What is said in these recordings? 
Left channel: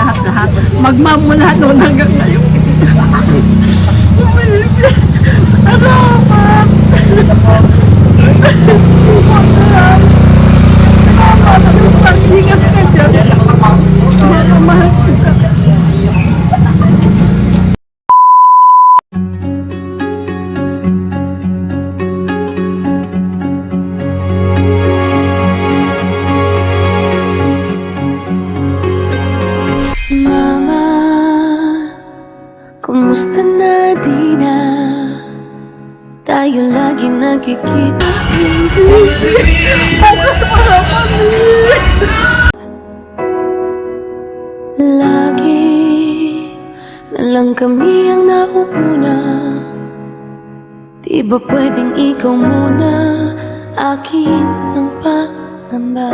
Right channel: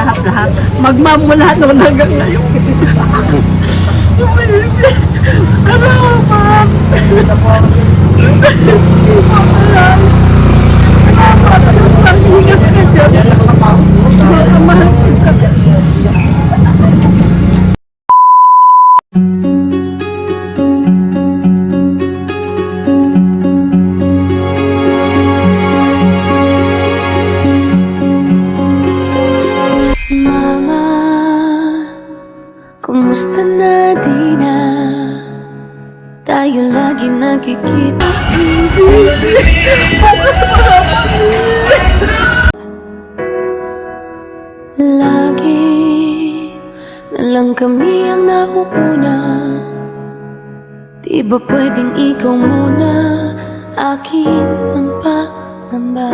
lahat-lahat. Magmamula noon hanggang ngayon. Salamat! Salamat! Mag-ingas ka dyan. Mga mahal kita. Mama, kumusta na di na tayo lagi nagkikita? Bukas mga mami! Lagi na lang kami ang nauuna. Di ba pwedeng ikaw muna akin ng pangamba?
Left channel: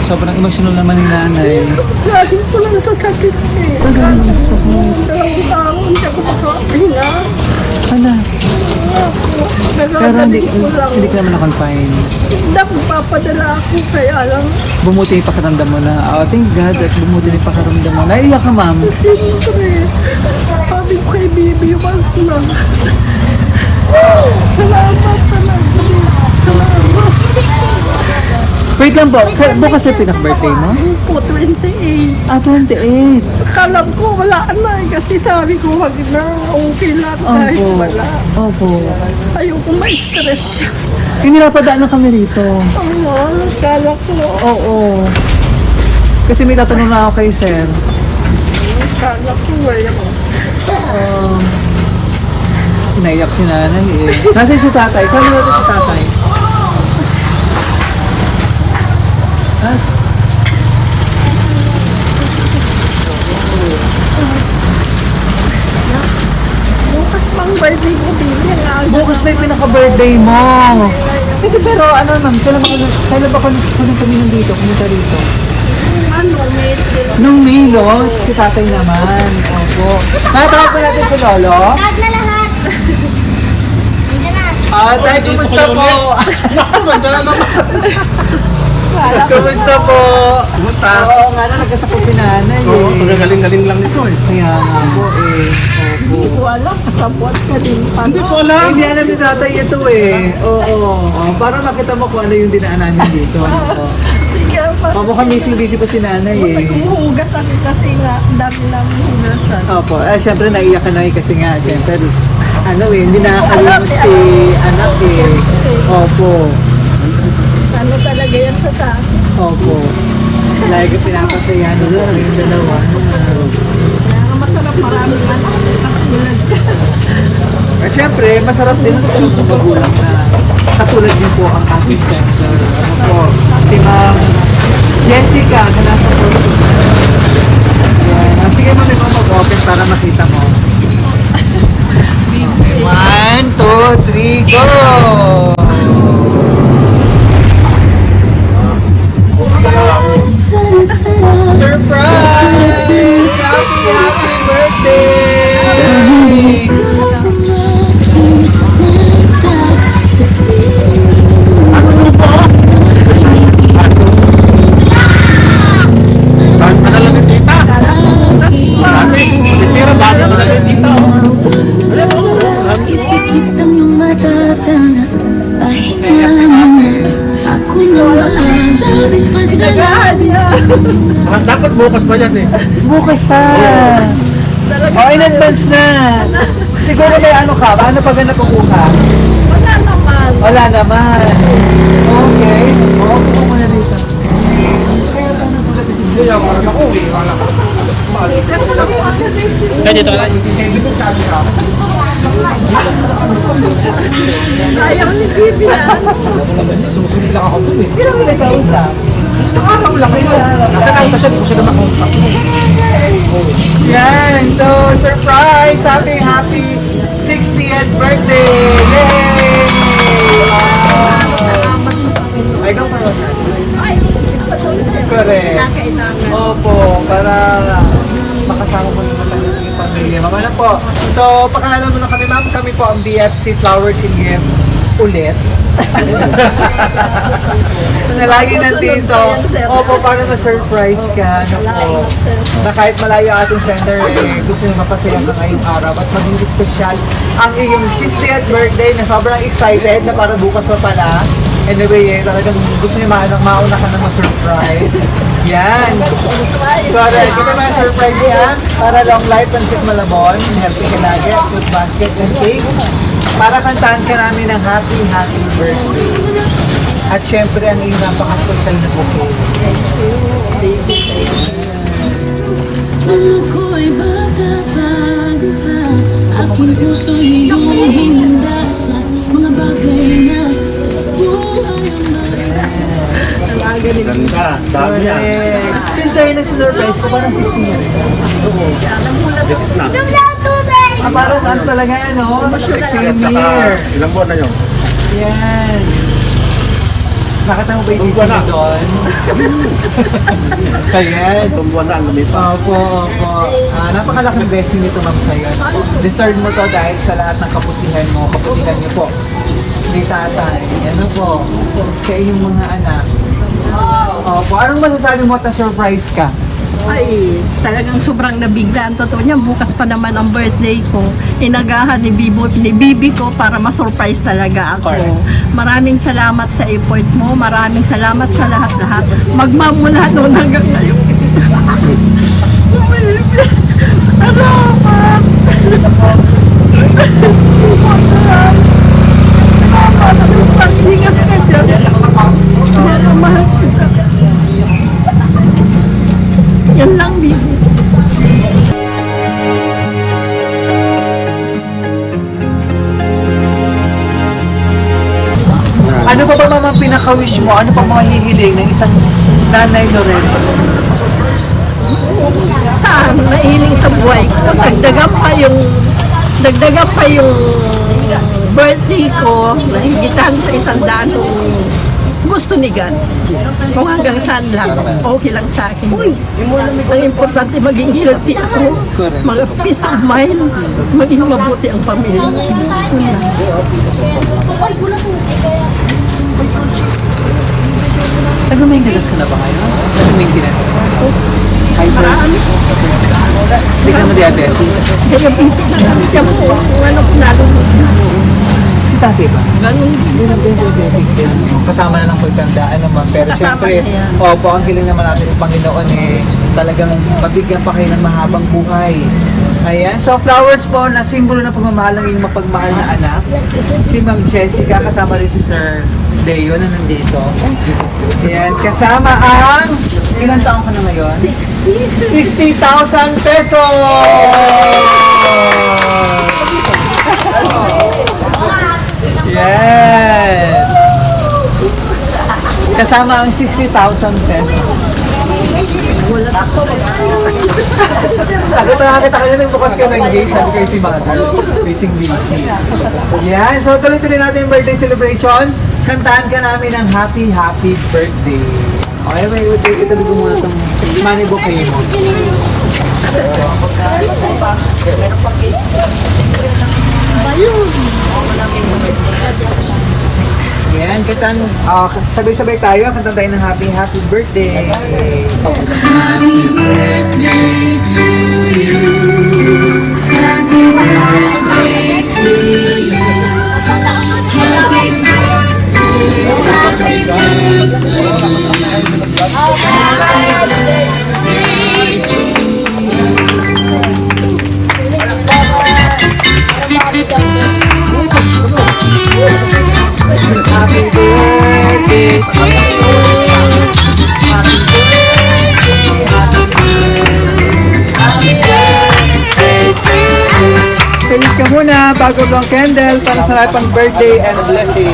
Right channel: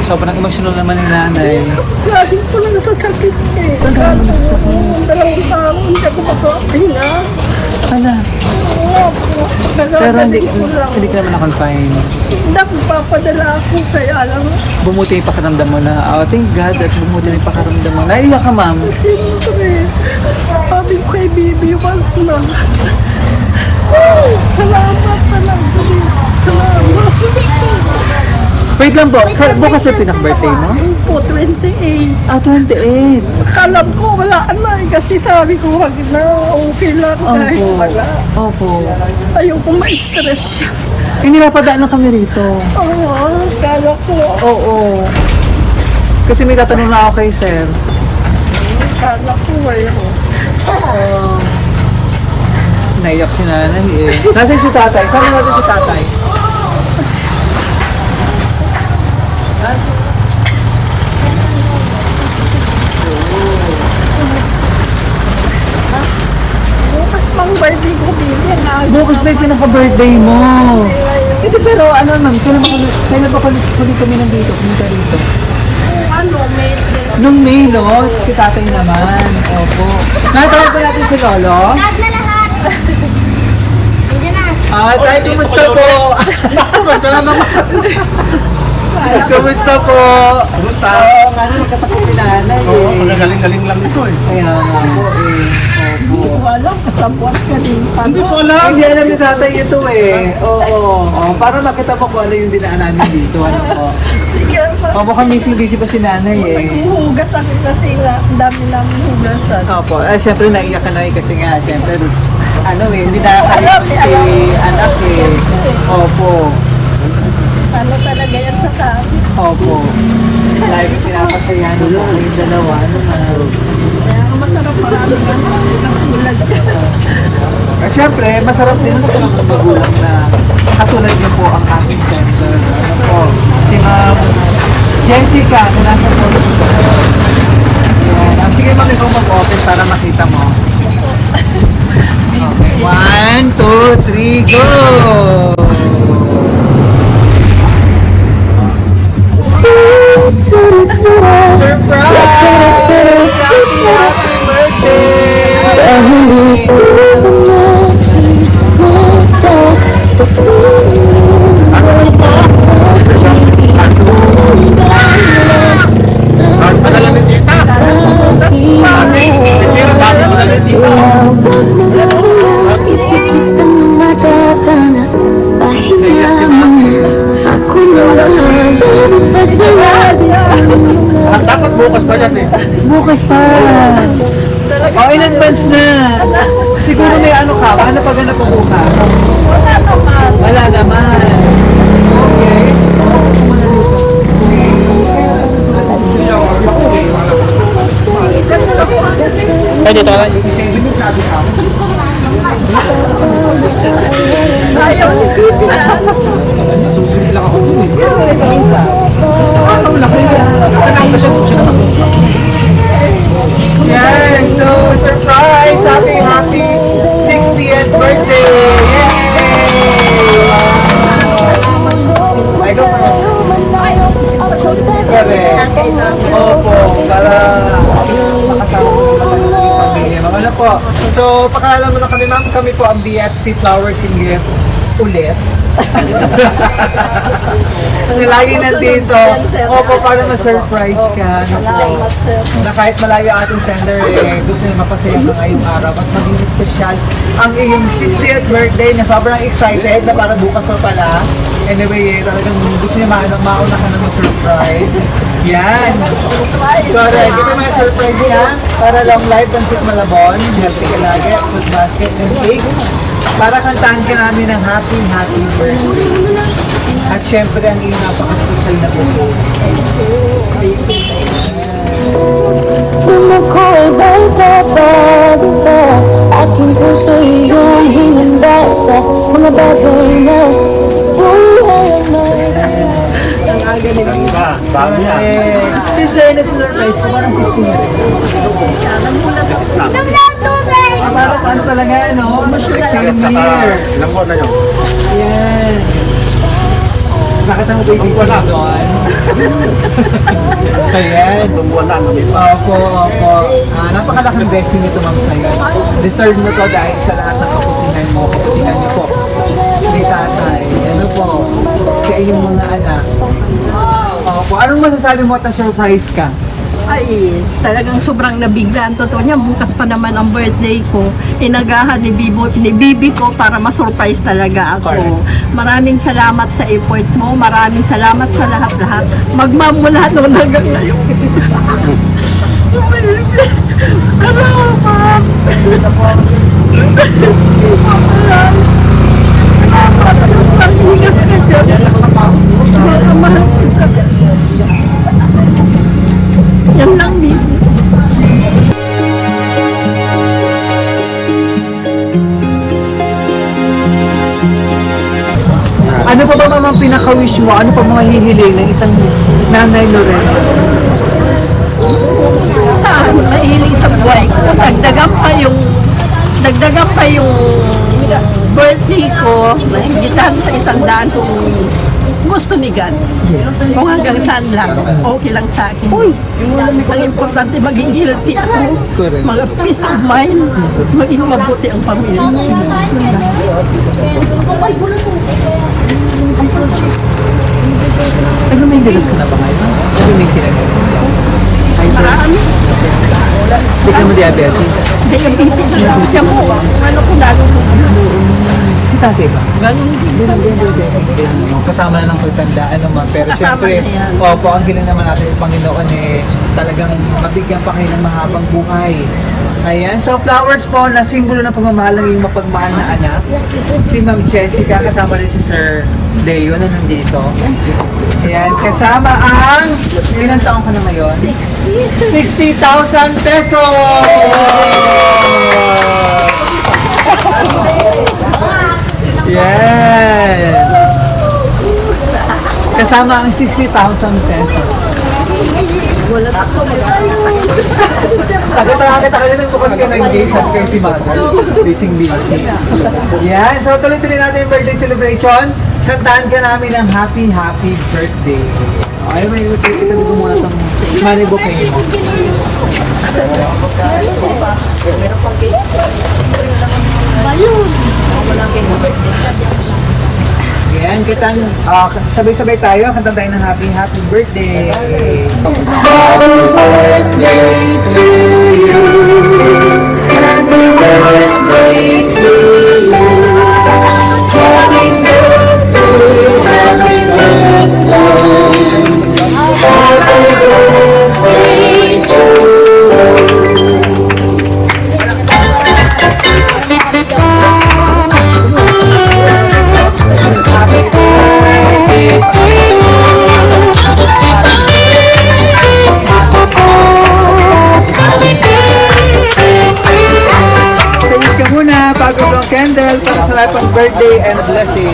Sobrang emotional naman ni nanay. Laging ko lang sa sakit eh. Akala ko, dalawang araw, hindi ako makapahinga. Ano? Nagagaling ko lang. Hindi ka naman fine. Hindi ako papadala ako, kaya lang. Bumuti yung pakiramdam mo na, oh, thank God, actually bumuti na yung pakiramdam mo. Naiyak ka, ma'am. Siyempre, sabi ko kay Bibi, wag na. Salamat talaga. Salamat. Wait lang po, bukas na pinag-birthday mo? Po, 28. Ah, 28. Alam ko wala na eh, kasi sabi ko wag na, okay lang kahit wala. Opo. Ayoko ma-stress siya. Pinirapadaan na kami rito. Oo, kala ko. Oo. Kasi may tatanong na ako kay sir. Kala ko mayroon. Naiyak si nanay eh. Kasi si tatay. Sabi natin si tatay. Bukas pang birthday ko, Bibi. Ang aga Bukas na naman. pinaka-birthday mo. Hindi pero ano ma'am, kailan ba kami nandito, pumunta dito? Ano, may Nung May, no? Si tatay naman. Opo. Nakatawag ba natin si Lolo? Tay, kumusta po? Magkano? Kumusta po? Kumusta? Kano nagkasakit si nanay eh. Oo, magagaling-galing lang ito eh. Kaya nga po eh. hindi ko alam, kasabwat ka din. Hindi ko alam. Hindi alam ni tatay ito eh. Oo. Parang makita mo kung ano yung dinaanan niyo dito. Ano po? Sige, Papo kami busy pa si nanay eh. naghuhugas ako kasi nga, ang dami namin hugasan. Opo. Siyempre naiyak ka na eh kasi nga. Siyempre, ano eh, hindi na Alam si eh, alam. anak eh. Siyempre. Opo. Ano talaga yan sa akin? Opo. Lagi ko pinapasaya na po kami dalawa. Kaya nga masarap maraming ano, katulad ka. Siyempre, masarap din ang sa magulang na katulad niyo po ang aking center. Ano po, si Ma'am Jessica na nasa Portugal. Ayan. Sige ma'am, ikaw mag-open para makita mo. 1, 2, 3, go! Bakit padala ni tita? Hugas pa. Titira, bakit padala ni tita? Dapat bukas pa yan eh. Bukas pa! Oh, in advance na! Siguro may ano ka, paano pag napubuka? Wala naman. Wala naman. Okay. Oo, ako muna dito. Hugas pa po ako. Kanya tara, ibig mo sabi ka. Ayaw ni Bibi na ano. Susunod lang ako dun eh. Pero hindi ka isa. Ang laki sa harap. Kasi nga pasyon ko sila makuha. Yan! So, surprise! Happy 60th birthday! Yay! Salamat sa Panginoon. Ay, don't know. Ayaw ko ipagsabi Correct. na kailangan. Opo, para makasama ko naman kami ng pamilya. Mga ano po. So, pakalalan mo na kami, ma'am. Kami po ang BFC Flowers in Gift ulit. Na lagi nandito. Opo, para ma-surprise ka. Naku. Na kahit malayo ang ating sender, gusto niya mapasaya ka ngayong araw at maging special ang iyong 60th birthday na sobrang excited na para bukas pa pala. Anyway, talagang gusto niya mauna ka na ma-surprise. Yan. Correct. Ito na yung surprise niya. Para long life, Pancit Malabon, healthy ka lagi, food basket and cake. Para kantahan ka namin ng happy birthday. At syempre, ang iyong napaka-social na buko. Kung ako'y bata pa, di ba? Aking puso iyong hinanda sa mga bagay na buhay mo. Ang aga nila. Bago yan. Correct. Si Sir na surprise ko, parang 60 na rin. Nagulat ako. Parang ano talaga, no? Same year. Ilang buwan na yun? Yan. Nakita mo ba yung video na doon? Ayan. Ilang buwan na, namiss. Opo. Napakalaking blessing nito, Ma'am Saya. Deserve mo to dahil sa lahat ng kaputihan mo. Kaputihan niyo po. May tatay. Ano po? Sa inyong mga anak. Opo. Anong masasabi mo at na-surprise ka? Ay, talagang sobrang nabigla. Ang totoo niya, bukas pa naman ang birthday ko. Inagahan ni Bibi ko para ma-surprise talaga ako. Maraming salamat sa effort mo. Maraming salamat sa lahat-lahat. Magmamula noon hanggang ngayon. Salamat! Salamat! Pag-ingat ka dyan. Mahal kita. Yan lang, Bibi. Ano pa ba ang pinaka-wish mo? Ano pa mahihiling ng isang nanay na rin? Saan mahiling sa buhay ko, dagdagan pa yung birthday ko, nahigitan sa 100 kung gusto ni God. Kung hanggang saan lang, okay lang sa akin. Ang importante, maging healthy ako, mga peace of mind, maging mabuti ang pamilya. Yun lang. Nag-maintenance ka na pa ngayon? Nag-maintenance ka? Marami. Hindi ka mo diabetes? Diabetes na lang siya mo. Kung ano ko nalulog na. Si tatay ba? Ganun din. Kasama na ng pagtanda, ano man. Pero Kasama siyempre, na yan. opo, ang hiling naman natin sa Panginoon talagang mabigyan pa kayo ng mahabang buhay. Ayan, so flowers po na simbolo ng pagmamahal ng iyong mapagmahal na anak. Si Ma'am Jessica, kasama rin si Sir Leo na nandito. Ayan, kasama ang, ilang taong ka na ngayon? 60,000 pesos! Yan! Kasama ang 60,000 pesos. Wala ako. Takot na nakakita kayo nung bukas ka ng gate, sabi kayo si Magal, busy. Yan, so tuloy-tuloy natin yung birthday celebration. Kantahan ka namin ng happy birthday. Okay, may itabi ko muna itong money book kayo mo. Yan, sabay-sabay tayo, kantahan tayo ng happy birthday. Happy birthday to you. Happy birthday to you. Happy birthday, happy birthday. Happy birthday to Finish ka muna, bago ang candle para sa lahat ng birthday and blessing.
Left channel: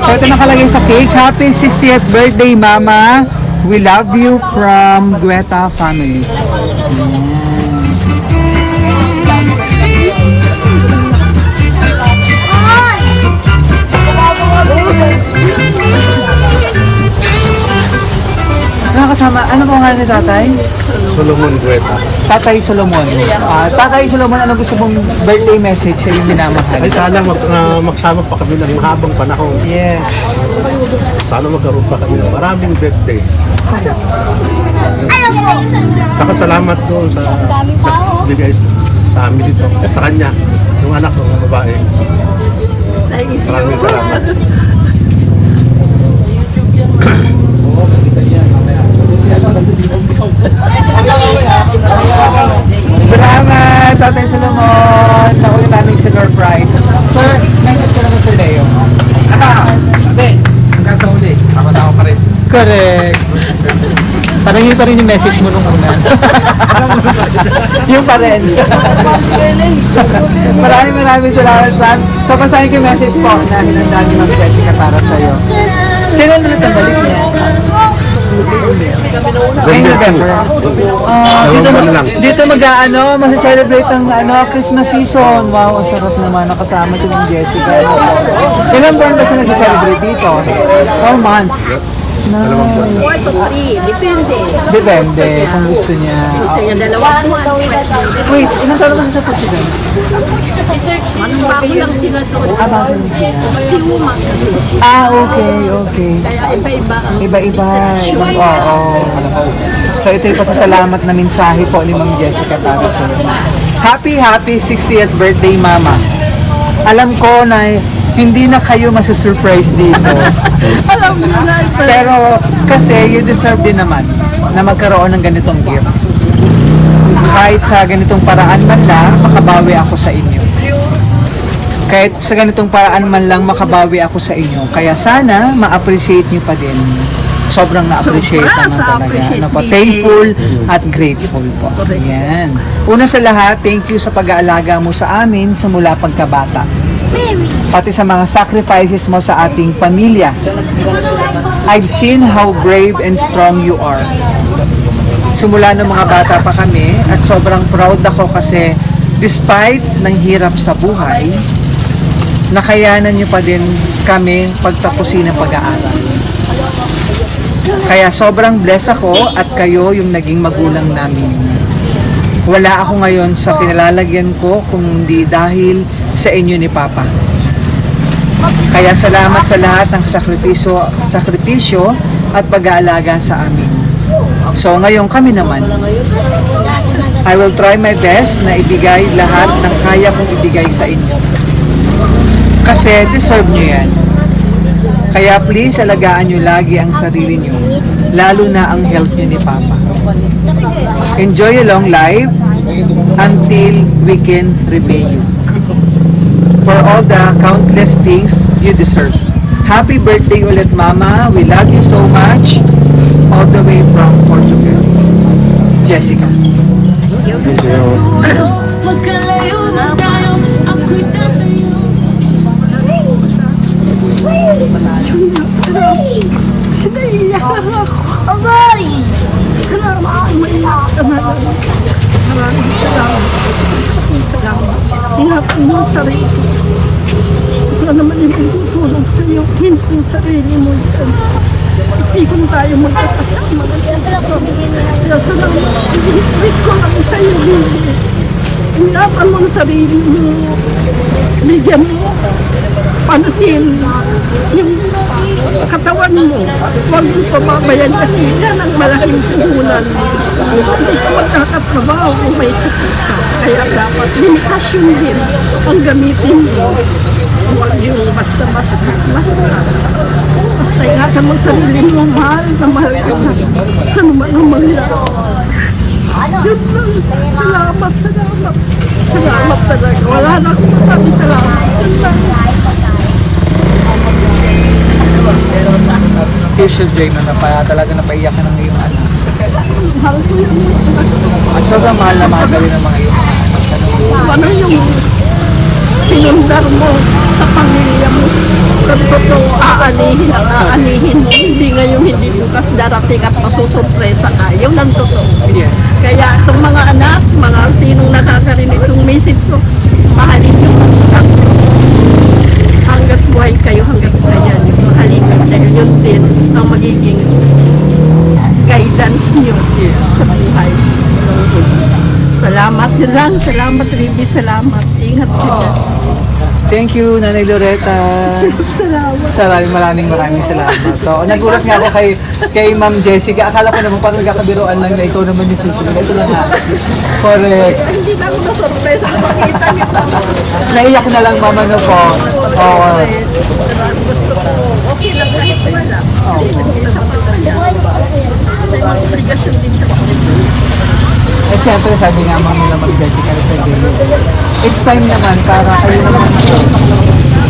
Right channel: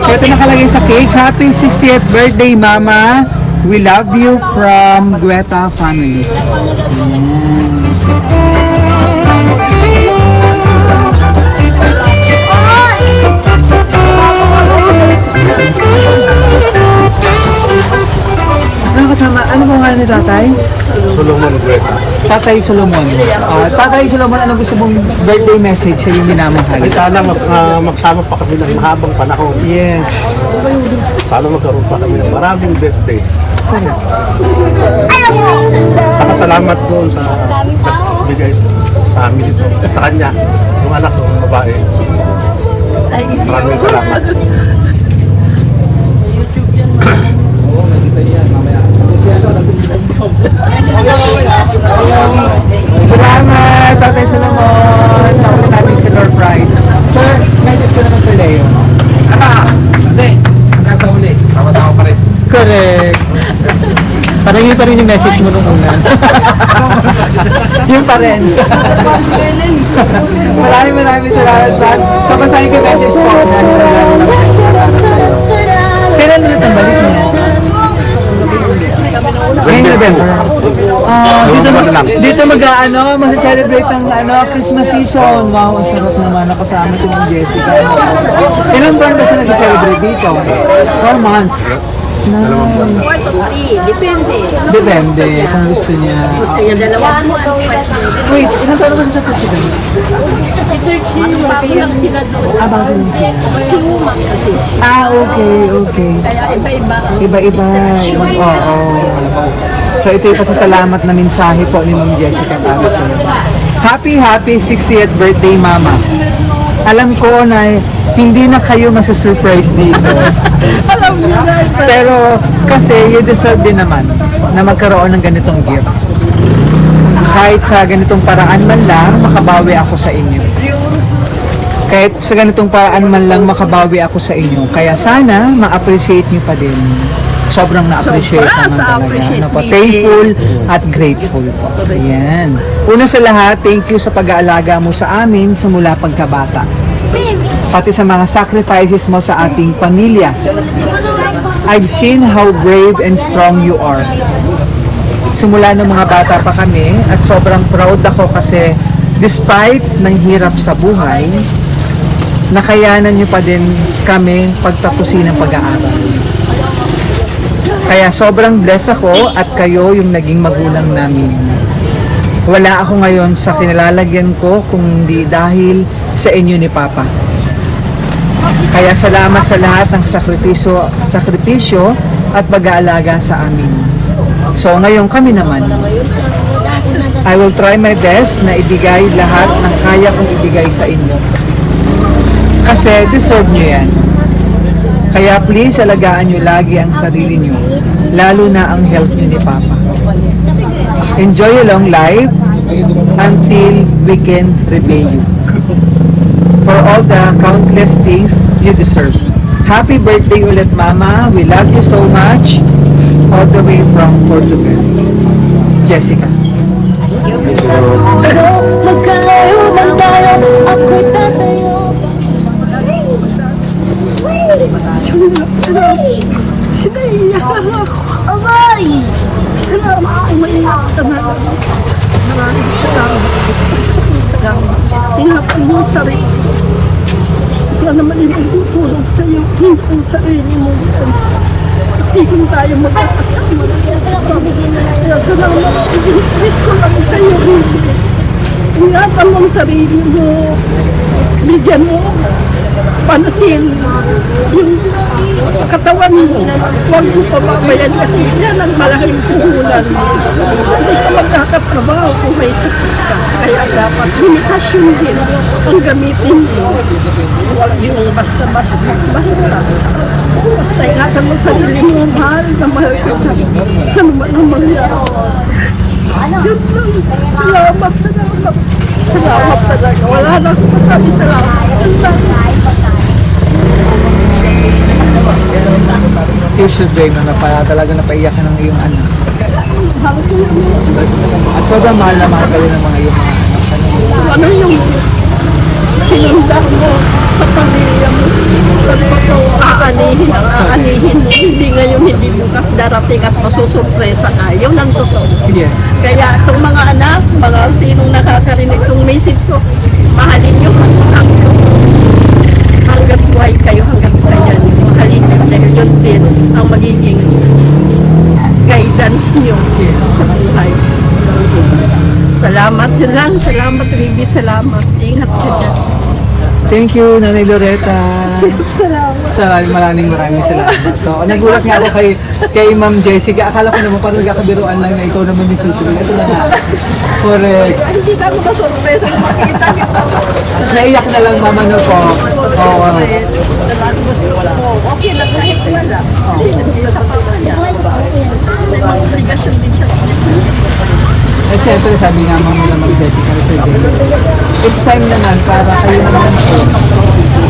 So ito nakalagay sa cake. Happy 60th birthday, Mama. We love you from Gueta family. Ayan. Ano kasama? Ano po nga ni tatay? Solomon Gueta. Tatay Solomon. Tatay Solomon, ano gusto mong birthday message sa iyong minamahal? Ay sana magsama pa kami ng mahabang panahon. Yes. Sana magkaroon pa kami ng maraming birthday. Saka salamat doon sa nagbigay sa amin dito. At sa kanya, yung anak ko, yung babae. Thank you. Maraming salamat. Salamat, Tatay Solomon. Nauna namin si surprise. Sir, message ko naman sa Leo. Hindi, hanggang sa uli, sama-sama pa rin. Correct. Parang pa rin yung message mo nung una. Yung pa rin. Maraming salamat, Pat. Sa basahin ko yung message po ako na nilalaman ng Jessica para sa'yo. Kailan ulit ang balik niya? Ngayong November. Dito mag-celebrate ang Christmas season. Wow, ang sarap naman. Nakasama si Ma'am Jessica. Kailan ba ba siya nag-celebrate dito? 4 months. Dalawang buwan na. 1 to 3, depende. Depende kung gusto niya. Gusto niya 2 buwan, pwede. Wait, ilang taon ba sa Portugal? Manong bago lang sila doon. Bago niya siya. Si Uma kasi. Okay. Kaya iba-iba ang Iba-iba. destinasyon. So ito yung pasasalamat na mensahe po ni Ma'am Jessica para sa inyo. Happy 60th birthday, Mama. Alam ko na hindi na kayo masusurprise dito. Alam niyo na ito. Pero kasi you deserve din naman na magkaroon ng ganitong gift. Kahit sa ganitong paraan man lang, makabawi ako sa inyo. Kahit sa ganitong paraan man lang, makabawi ako sa inyo. Kaya sana, ma-appreciate nyo pa din. Sobrang na-appreciate Sobra naman sa talaga. appreciate Ano po, meeting. thankful at grateful po. Correct. Yan. Una sa lahat, thank you sa pag-aalaga mo sa amin simula pagkabata. Pati sa mga sacrifices mo sa ating pamilya. I've seen how brave and strong you are. Simula ng mga bata pa kami at sobrang proud ako kasi despite ng hirap sa buhay, nakayanan niyo pa din kami pagtapusin ng pag-aaral. Kaya sobrang blessed ako at kayo yung naging magulang namin. Wala ako ngayon sa kinalalagyan ko kung hindi dahil sa inyo ni Papa. Kaya salamat sa lahat ng sakripisyo at pag-aalaga sa amin. So ngayon kami naman, I will try my best na ibigay lahat ng kaya kong ibigay sa inyo. Kasi deserve nyo yan. Kaya please, alagaan nyo lagi ang sarili nyo, lalo na ang health nyo ni Papa. Enjoy a long life until we can repay you for all the countless things you deserve. Happy birthday ulit, Mama. We love you so much. All the way from Portugal. Jessica. Magkalayo ba tayo? Ako'y tatanong. Sinaiyak lang ako. Agay! Salamat. Umiiyak ka na lang. Maraming salamat. Ingatan mo ang sarili. Wala naman yung magtutulong sa'yo. Hindi ang sarili mo yan. Hindi kung tayo magkakasama na yan. Kaya salamat. Wish ko lang sa'yo, Bibi. Ingatan mo ang sarili mo. Bigyan mo panasin yung katawan mo. Huwag mo pababayan kasi yan ang malaking puhunan mo. Hindi ka magkakatrabaho kung may sakit ka. Kaya dapat limitasyon din ang gamitin mo. Huwag yung basta-basta. Basta ingatan mo sarili mo. Mahal na mahal kita. Ano man ang mangyari. Yun lang. Salamat. Salamat talaga. Wala na akong masabi salamat. Yun lang. Tissue break na talaga napaiyak ka ng iyong anak. Mahal ko yung mga anak ko. At sobrang mahal na mahal ka rin ng mga iyong anak. Ano yung pinundar mo sa pamilya mo. Ang totoo, aanihin ang aanihin mo. Hindi ngayon, hindi bukas darating at masusurpresa ka. Yun ang totoo. Yes. Kaya itong mga anak, mga sinong nakakarinig itong message ko, mahalin nyo ang anak nyo. Hanggat buhay kayo, hanggat kaya nyo. Mahalin nyo dahil yun din ang magiging guidance nyo sa buhay. Salamat yun lang. Salamat, Ricky. Salamat. Ingat ka dyan. Thank you, Nanay Loretta. Salamat. Maraming salamat. So, nagulat nga ako kay Ma'am Jessica. Akala ko naman parang nagkakabiruan lang na ikaw naman yung susunod. Ito na nga. Correct. Kaya hindi na ako na-surprise ang makita niyo. Naiyak na lang, Mama, no po. Oo. Gusto ko. Okay lang kahit wala. Kasi nag-isa pa kaya. May mga obligasyon din siya. At syempre, sabi nga Ma'am Jessica rin sa Jello, it's time naman para kayo naman po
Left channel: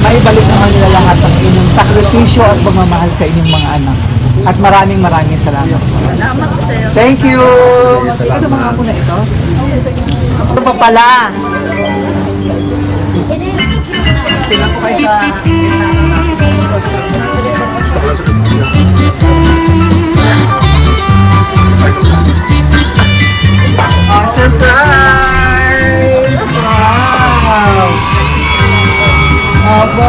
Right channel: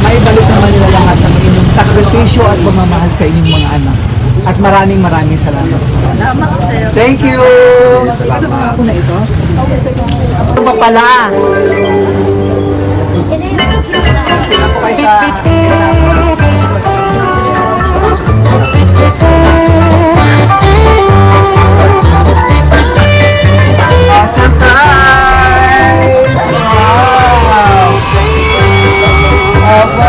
maibalik naman nila lahat ang inyong sakripisyo at pagmamahal sa inyong mga anak. At maraming salamat. Salamat, sir. Thank you! Ano ba ako na ito? Ano ba pala? Sino po kayo sa... Surprise! Wow! Opo!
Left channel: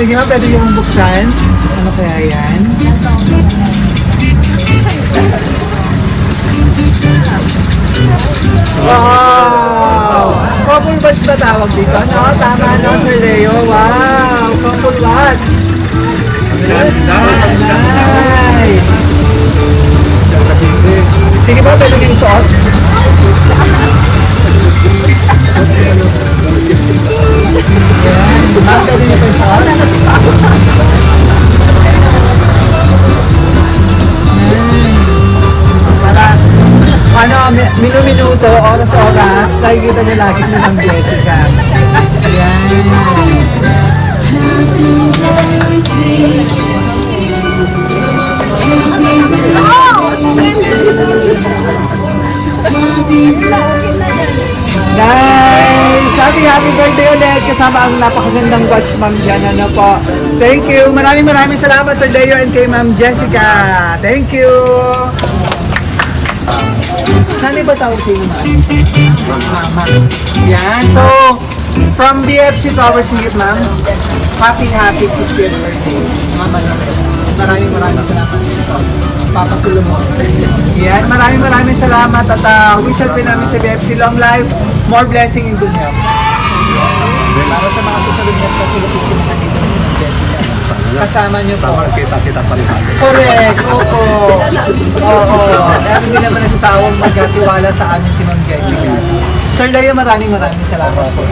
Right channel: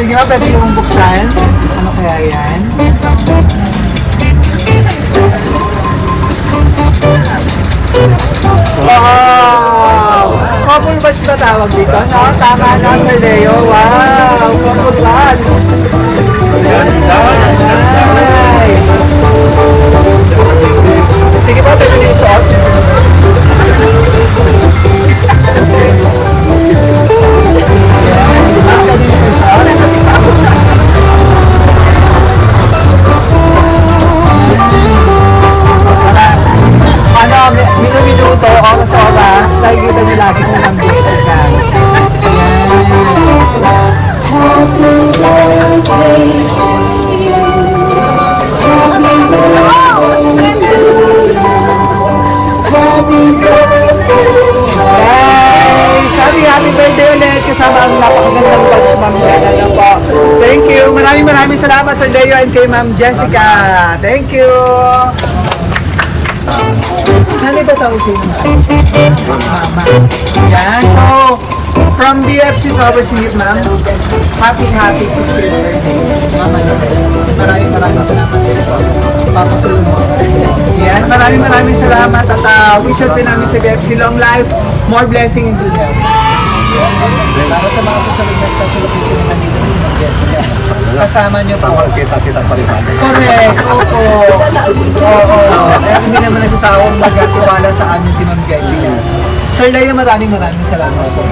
Sige nga, pwede yung buksan. Ano kaya yan? Wow! Couple buds ba tawag dito? Oo, tama na, Sir Leo. Wow! Couple buds! Nice! Sige po, pwede yung shot. Minuto, oras, nakikita niyo lagi sa Ma'am Jessica. Happy birthday ulit kasama ang magandang batch, Ma'am Jessica po. Thank you. Maraming salamat sa Leo and kay Ma'am Jessica. Thank you. Ano ba tawag sa inyo na? Mama. Yan. So, from BFC Towers Singit, ma'am, happy 60th birthday. Mama Loretta. Maraming salamat. Papa Solomon. Yan. Maraming salamat at wish out din namin sa BFC long life, more blessing in dunya. Yan. Para sa mga susunod na special occasion na nandito na si Ma'am Jessica. Kasama niyo po. Kita palitan. Correct, opo. Oo. Kaya hindi naman nasasawang magtiwala sa amin si Ma'am Jessica. Sir Leo, maraming salamat po.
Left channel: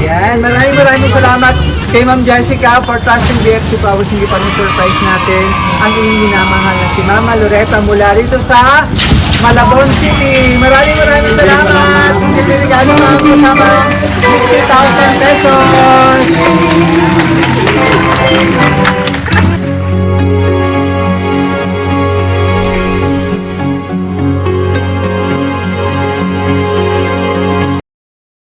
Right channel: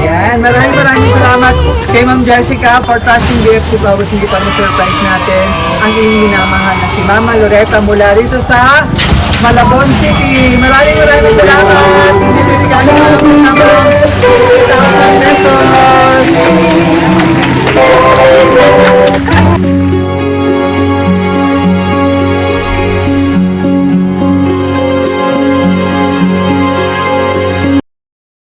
Yan, maraming salamat kay Ma'am Jessica for trusting BFC Flowers. Hindi pa surprise natin ang inyong minamahal na si Mama Loretta mula rito sa Malabon City. Maraming salamat. Hindi bibigyan ng mga kasama.